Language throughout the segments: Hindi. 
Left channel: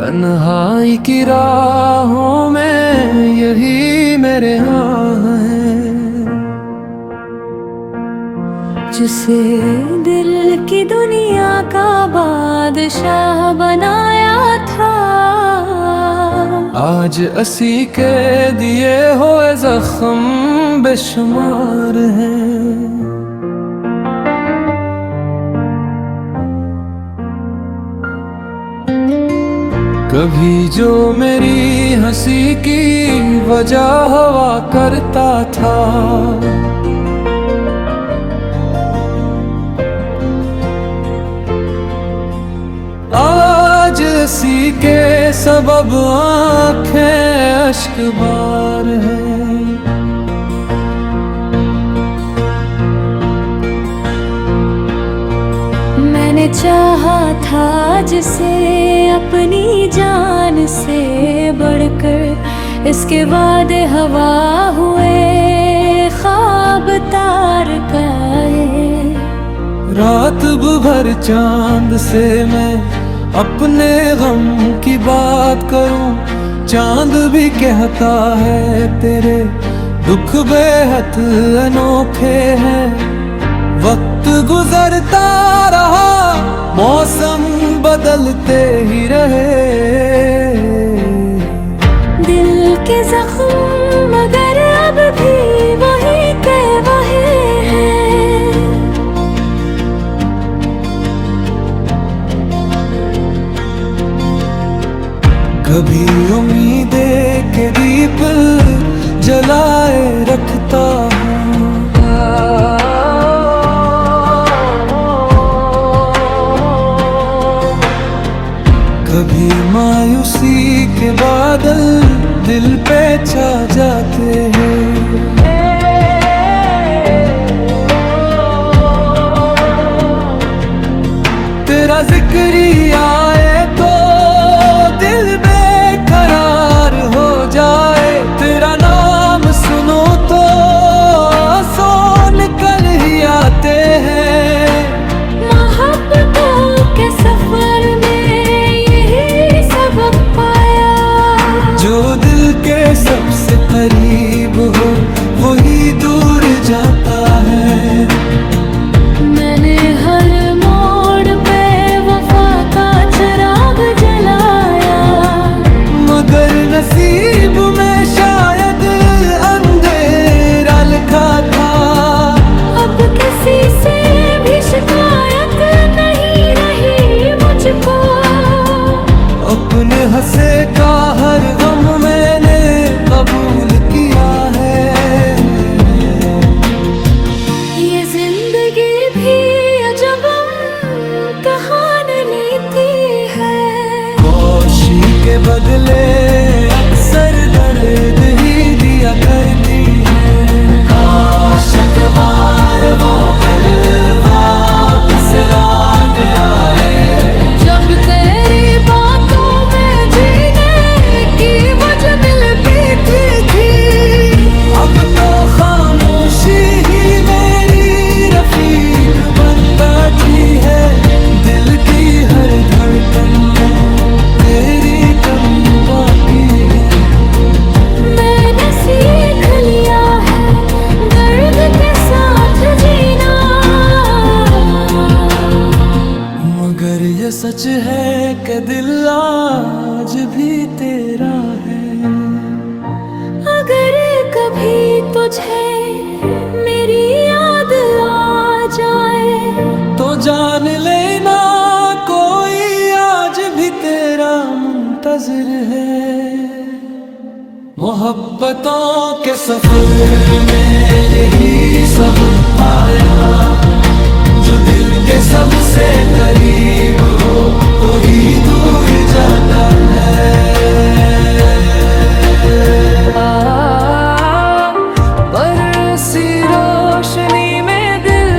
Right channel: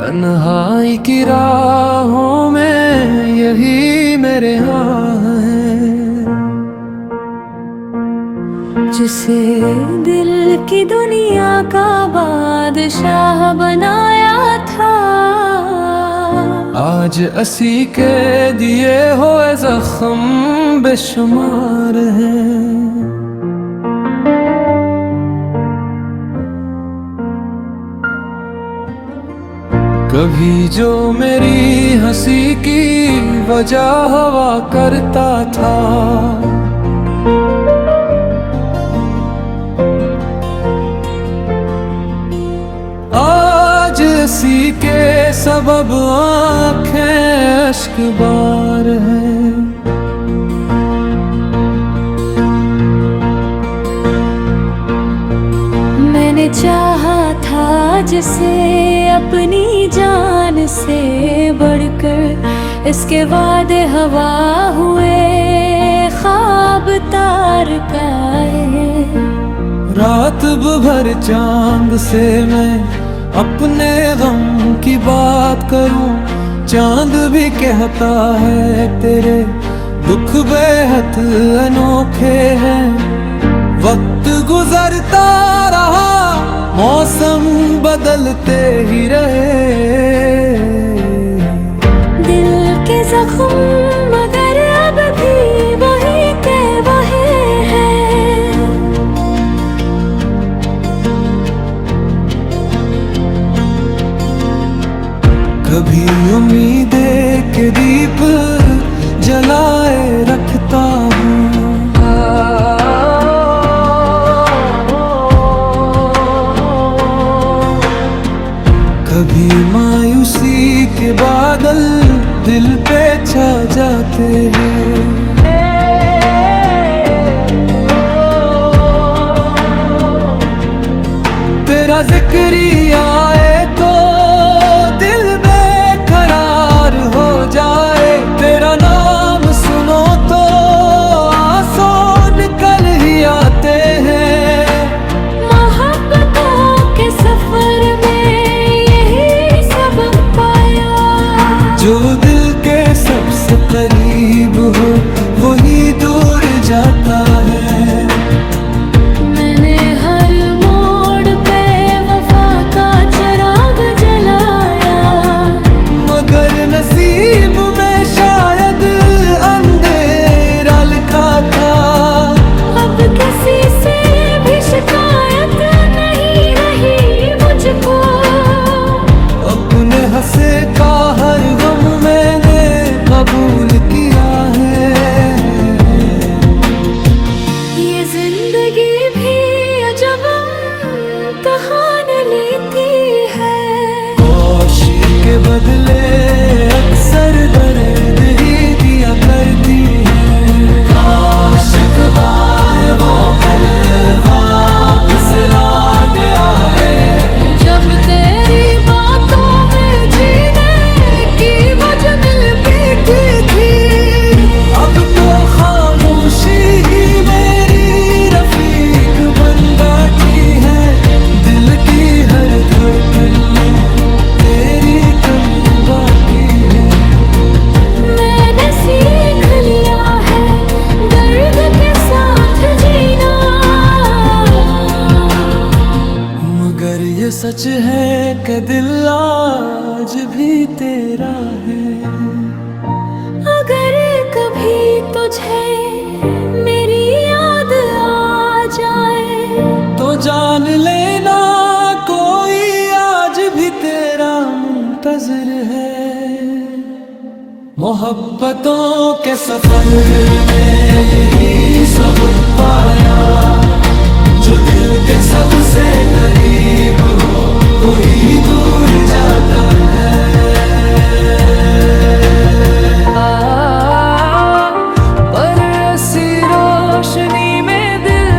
तन्हाई की राहों में यही मेरे हाँ है। जिसे दिल की दुनिया का बादशाह बनाया था, आज असी के दिए हुए जख्म बेशुमार हैं। कभी जो मेरी हंसी की वजह हुआ करता था, आज इसी के सबब आँखें अश्क बार हैं। मैंने चाहा था जिसे अपनी जान से बढ़कर, इसके वादे हवा हुए ख्वाब तार का है। रात भर चांद से मैं अपने गम की बात करूं, चांद भी कहता है तेरे दुख बेहद अनोखे हैं। वक्त गुजरता रहा, मौसम बदलते ही रहे, दिल के जख्म मगर अब भी वही के वही हैं। कभी उम्मीदें के दीप जलाए रखता हूँ, कभी मायूसी के बादल दिल पे छा जाते हैं। तेरा जिक्र आए तो दिल बेकरार हो जाए, तेरा नाम सुनो तो आंसू निकल ही आते हैं। मोहब्बतों के सफर में जो दिल के सबसे करीब हो वही दूर जाता है। मैंने हर मोड़ पे वफा का चिराग जलाया, मगर नसीब में शायद अंधेरा लिखा था। अब किसी से भी शिकायत नहीं रही मुझको, अपने हंसे का हर गम मैंने कबूल किया है। ये जिंदगी भी अजब कहान लेती है, खुशी के बदले अक्सर दर्द ही दिया करती है। काश एक बार वो पल वापस लौट आए, जब तेरी बातों में जीने की वजह मिलती थी। अब तो खामोशी ही मेरी रफीक बन बैठी है। दिल की हर धड़कन में तेरी कमी बाकी है। मैंने सीख लिया है दर्द के साथ जीना, मगर ये सच है कि दिल आज भी तेरा है। अगर कभी तुझे मेरी याद आ जाए, तो जान लेना कोई आज भी तेरा मुंतज़िर है। मोहब्बतों के सफर में यही सब पाया, जो दिल के सबसे करीब हो वही दूर जाता है। पर ऐसी रोशनी में दिल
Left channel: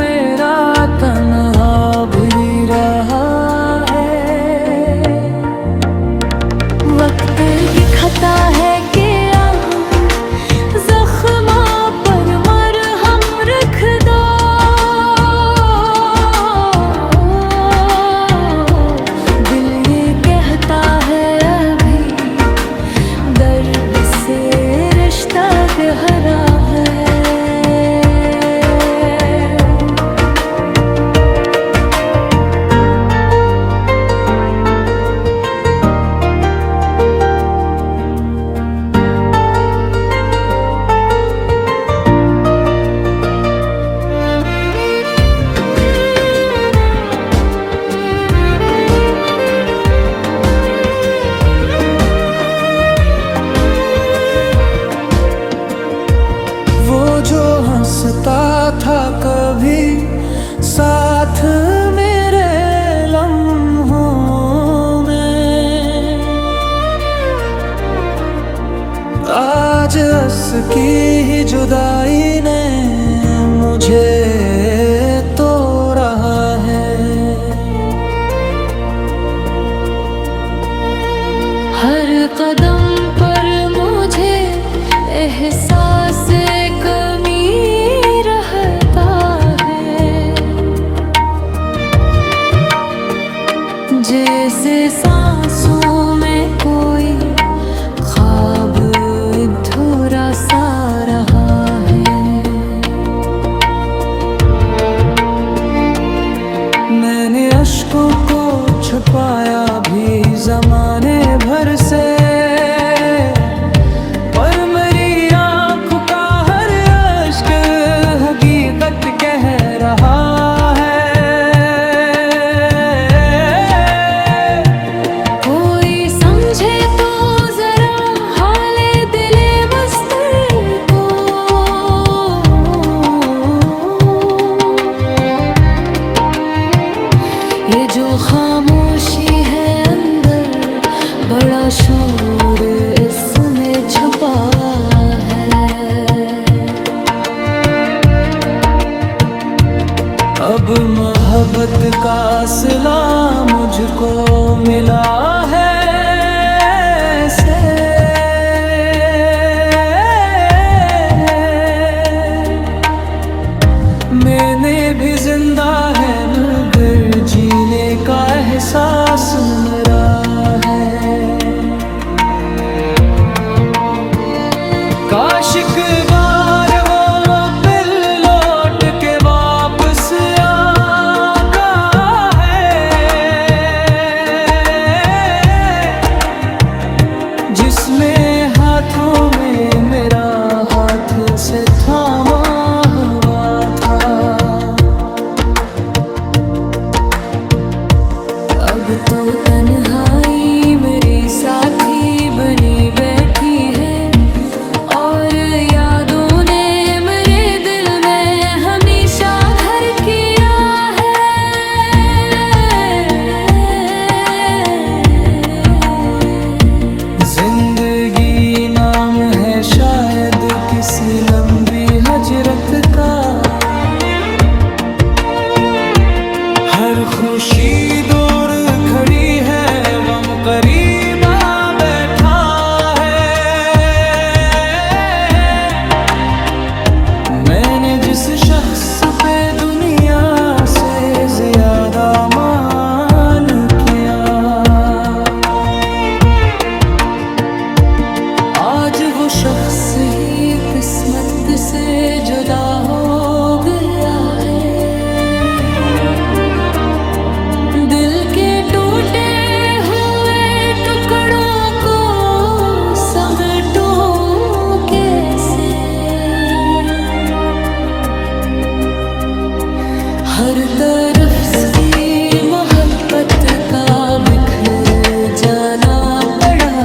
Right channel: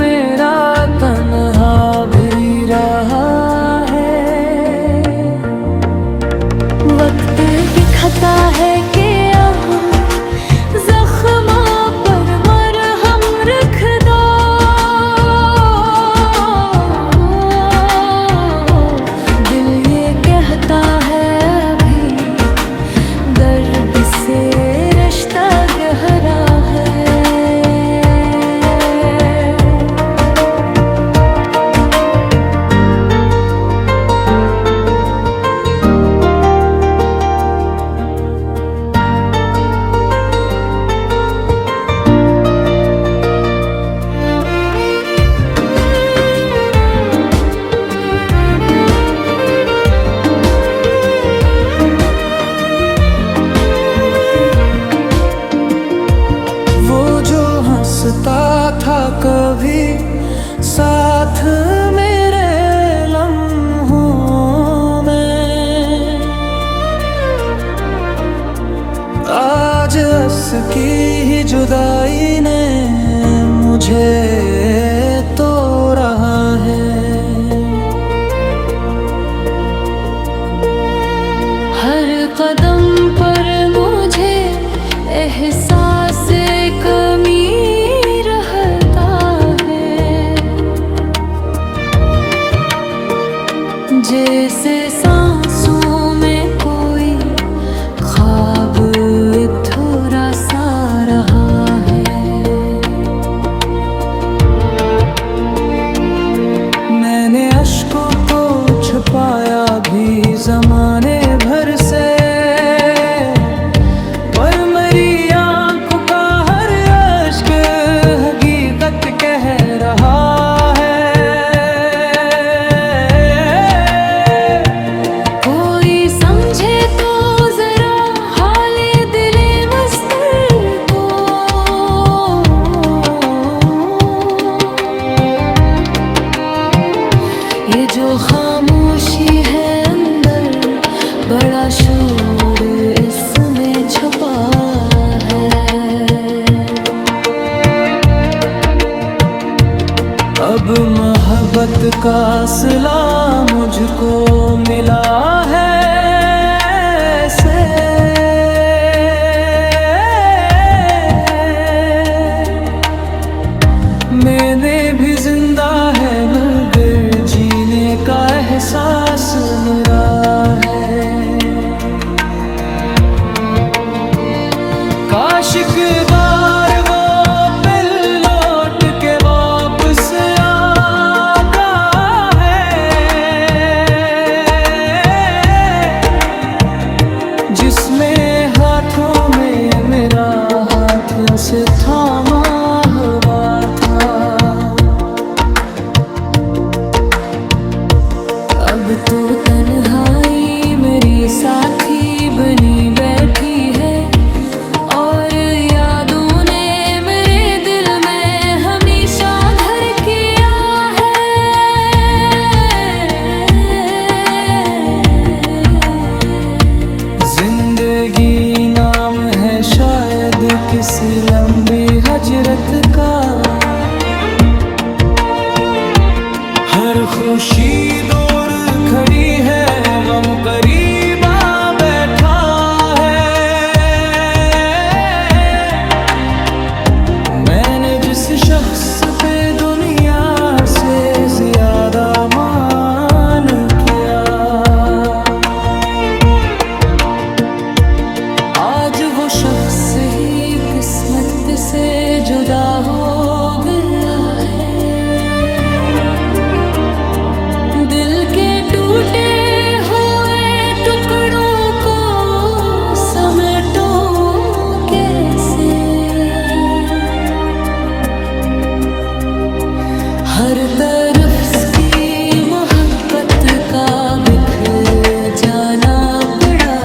मेरा तन्हा भी रहा है। वक्त दिखाता है कि हम जख्मों पर मरहम रख दो। दिल ये कहता है अभी दर्द से रिश्ता गहरा है। हंसता था कभी साथ मेरे लम्हों में, आज हंस की ही जुदाई ने मुझे तोड़ा है। हर कदम पर मुझे एहसास कमी रहता है, जैसे सांसों में कोई ख्वाब अधूरा सा रहा है। मैंने अश्कों को छुपाया भी ज़माने भर से, पर मेरी आँखों का हर अश्क हकीकत कह रहा है। कोई समझे तो जरा हाले दिले मस्तर को, ये जो खामोशी है अंदर, बड़ा शूर इसमें छुपा है। अब मोहब्बत का सिला मुझको मिला है ऐसे, मैंने भी जिंदा है मगर जीने का एहसास मेरा है। काश एक बार वो पल लौट के वापस आता है, जिसमें हाथों में मेरा हाथ से थामा हुआ था। अब तो तन्हाई मेरी साथी बनी बैठी है, और यादों ने मेरे दिल में हमेशा घर किया है। जिंदगी नाम है शायद किसी लंबी हजरत का, हर खुशी दूर खड़ी है, गम करीब आ बैठा है। मैंने जिस शख्स पे दुनिया से ज्यादा मान किया, आज वो शख्स ही किस्मत से जुदा हो गया है। दिल के टूटे हुए टुकड़ों को समेटो कैसे, हर तरफ की मोहब्बत का बिखर जाना पड़ा।